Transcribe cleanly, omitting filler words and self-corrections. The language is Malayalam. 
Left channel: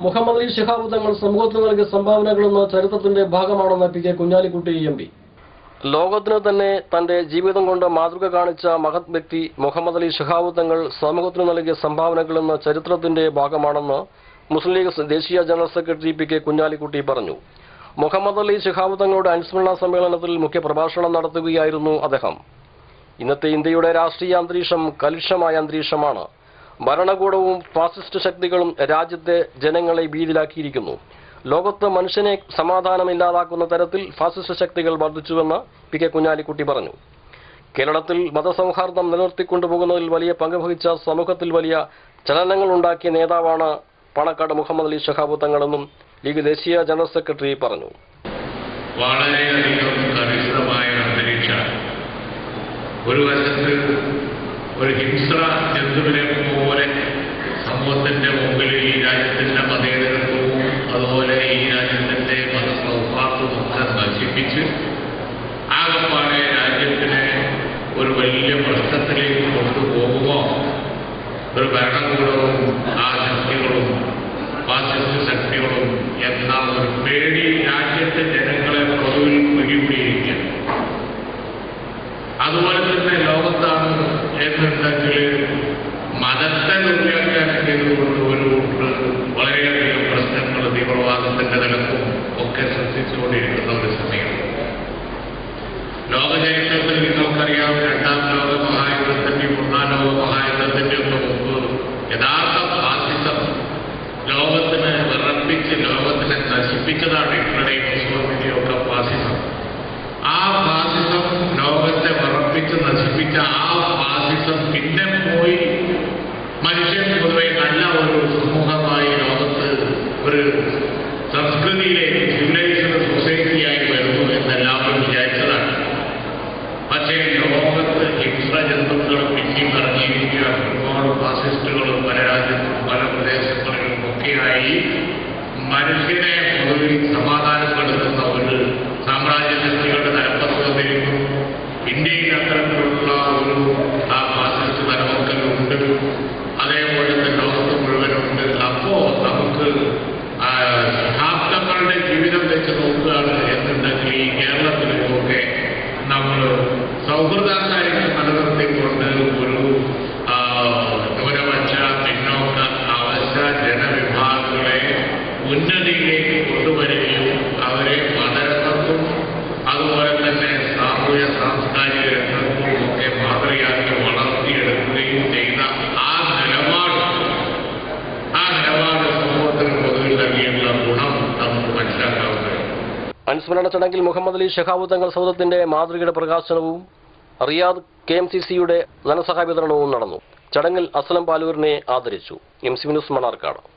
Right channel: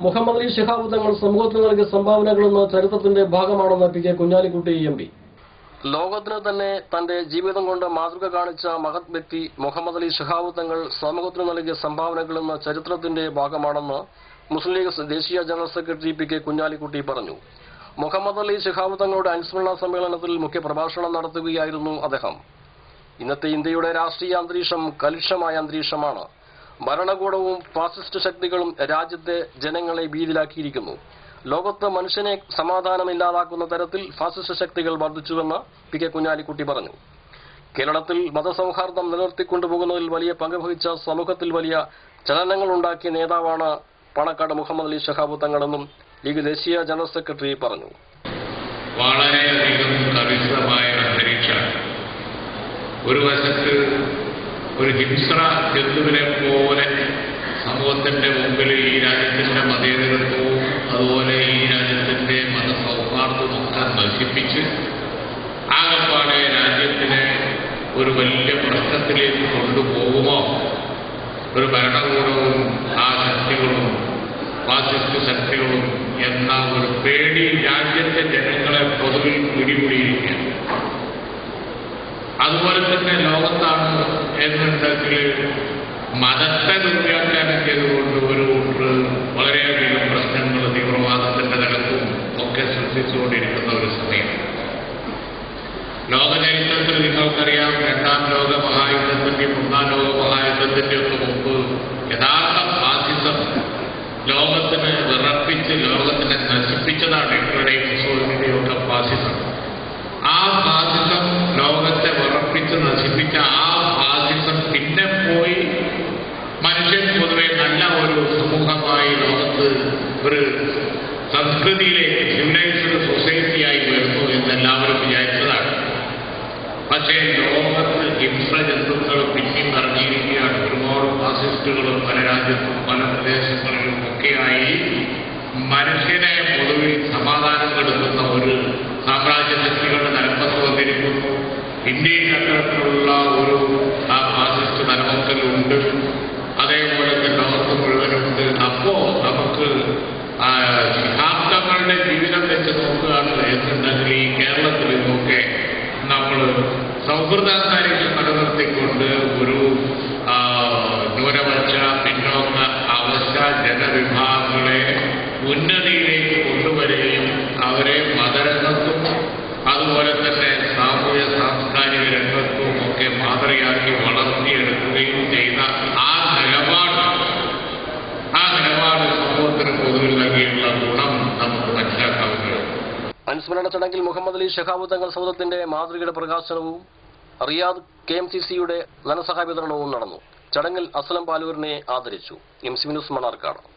മുഹമ്മദ് അലി ശിഹാബ് തങ്ങൾ സമൂഹത്തിന് നൽകിയ സംഭാവനകളെന്ന ചരിത്രത്തിന്റെ ഭാഗമാണെന്ന് P K Kunhalikutty M P. ലോകത്തിന് തന്നെ തന്റെ ജീവിതം കൊണ്ട് മാതൃക കാണിച്ച മഹത് വ്യക്തി മുഹമ്മദ് അലി ശിഹാബ് തങ്ങൾ സമൂഹത്തിന് നൽകിയ സംഭാവനകളെന്ന ചരിത്രത്തിന്റെ ഭാഗമാണെന്ന് മുസ്ലിം ലീഗ് ദേശീയ general secretary P K Kunhalikutty പറഞ്ഞു. മുഹമ്മദ് അലി ശിഹാബ് തങ്ങളുടെ അനുസ്മരണ സമ്മേളനത്തിൽ മുഖ്യപ്രഭാഷണം നടത്തുകയായിരുന്നു അദ്ദേഹം. ഇന്നത്തെ ഇന്ത്യയുടെ രാഷ്ട്രീയ അന്തരീക്ഷം കലുഷിതമായ അന്തരീക്ഷമാണ്. ഭരണകൂടവും ഫാസിസ്റ്റ് ശക്തികളും രാജ്യത്തെ ജനങ്ങളെ ഭീതിയിലാക്കിയിരിക്കുന്നു. ലോകത്ത് മനുഷ്യനെ സമാധാനമില്ലാതാക്കുന്ന തരത്തിൽ ഫാസിസ്റ്റ് ശക്തികൾ വർദ്ധിച്ചുവെന്ന് പി കെ കുഞ്ഞാലിക്കുട്ടി പറഞ്ഞു. കേരളത്തിൽ മതസൗഹാർദ്ദം നിലനിർത്തിക്കൊണ്ടുപോകുന്നതിൽ വലിയ പങ്ക് വഹിച്ച സമൂഹത്തിൽ വലിയ ചലനങ്ങൾ ഉണ്ടാക്കിയ നേതാവാണ് പാണക്കാട് മുഹമ്മദ് അലി ശിഹാബ് തങ്ങളെന്നും ലീഗ് ദേശീയ ജനറൽ സെക്രട്ടറി പറഞ്ഞു. വളരെയധികം കലുഷിതമായ അന്തരീക്ഷം, ഒരു വശത്ത് ഒരു ഹിംസ്ര ജന്തുവിനെ പോലെ സമൂഹത്തിന്റെ മുമ്പിൽ ഈ രാജ്യത്തിന്റെ മതേതരത്വവും അതുപോലെ ഈ രാജ്യത്തിന്റെ മതസൗഹാർദ്ദവും ഒക്കെ നശിപ്പിച്ച് ആകപ്പാടെ രാജ്യത്തിനെ ഒരു വലിയ പ്രശ്നത്തിലേക്ക് കൊണ്ടുപോകുമോ ഒരു ഭരണകൂടവും ആ ശക്തികളും ഫാസിസ്റ്റ് ശക്തികളും എന്ന ഒരു പേടി രാജ്യത്തെ ജനങ്ങളെ പൊതുവിൽ പിടികൂടിയിരിക്കുക. അതുപോലെ തന്നെ ലോകത്താണ് എന്നുണ്ടെങ്കിൽ മതത്തെ ദുർവ്യാഖ്യാനം ചെയ്തുകൊണ്ട് ഒരു വളരെയധികം പ്രശ്നങ്ങൾ തീവ്രവാദത്തിന്റെ നിരക്കും ഒക്കെ സൃഷ്ടിച്ചുകൊണ്ടിരിക്കുന്ന ഒരു സമയം. ലോകചരിത്രത്തിൽ നിങ്ങൾക്കറിയാം, രണ്ടാം ലോക മഹായുദ്ധത്തിന്റെയും ഒന്നാം ലോക മഹായുദ്ധത്തിന്റെ ഒക്കെ മുമ്പ് യഥാർത്ഥ ഫാസിസം ലോകത്തിന് വിറപ്പിച്ച് ലോകത്തിനെ നശിപ്പിച്ചതാണ്. ഹിറ്റ്ലറുടെയും മുസോളിനിയുടെയും ഒക്കെ ഫാസിസം. ആ ഫാസിസം ലോകത്തെ വിറപ്പിച്ച് നശിപ്പിച്ച ആ ഫാസിസം പിന്നെ പോയി മനുഷ്യൻ പൊതുവെ നല്ല ഒരു സമൂഹമായി ലോകത്ത് ഒരു സംസ്കൃതിയിലേക്ക് സിവിലൈസ്ഡ് സൊസൈറ്റിയായി വരുന്നു എന്നെല്ലാവരും വിചാരിച്ചതാണ്. പക്ഷേ ലോകത്ത് ഹിംസ്ര ജന്തുക്കൾ പിന്നെയും ഇറങ്ങിയിരിക്കുകയാണ്. ഒരുപാട് ഫാസിസ്റ്റുകളും പല രാജ്യത്തും പല പ്രദേശങ്ങളിലും ഒക്കെയായി മനുഷ്യനെ പൊതുവിൽ സമാധാനപ്പെടുത്തുന്ന ഒരു സാമ്രാജ്യ ശക്തികളുടെ തലപ്പത്ത് വന്നിരിക്കുന്നു. ഇന്ത്യയിൽ അത്തരത്തിലുള്ള ഒരു ഫാസിസ്റ്റ് തലമക്കലുണ്ട്. അതേപോലെ തന്നെ ലോകത്ത് മുഴുവനുണ്ട്. അപ്പോ നമുക്ക് ശിഹാബ് തങ്ങളുടെ ജീവിതം വെച്ച് നോക്കുകയാണ് എന്നുണ്ടെങ്കിൽ ഈ കേരളത്തിൽ ഒക്കെ നമ്മൾ സൗഹൃദാന്തരീക്ഷം നിലനിർത്തിക്കൊണ്ട് ഒരു ന്യൂനപക്ഷ പിന്നോക്ക അവസ്ഥ ജനവിഭാഗങ്ങളെ ഉന്നതിയിലേക്ക് കൊണ്ടുവരികയും അവരെ മതരംഗത്തും അതുപോലെ തന്നെ സാമൂഹ്യ സാംസ്കാരിക രംഗത്തും ഒക്കെ മാതൃകയാക്കി വളർത്തിയെടുക്കുകയും ചെയ്ത ആ നിലപാട് സമൂഹത്തിന് പൊതുവിൽ നൽകിയിട്ടുള്ള ഗുണം നമുക്ക് മനസ്സിലാക്കാവുന്നതാണ്. അനുസ്മരണ ചടങ്ങിൽ മുഹമ്മദ് അലി ശിഹാബ് തങ്ങൾ സൗധത്തിന്റെ മാതൃകയുടെ പ്രകാശനവും റിയാദ് KMCCയുടെ ധനസഹായ വിതരണവും നടന്നു. ചടങ്ങിൽ അസ്ലം പാലൂരിനെ ആദരിച്ചു. MC news Mannarkkad.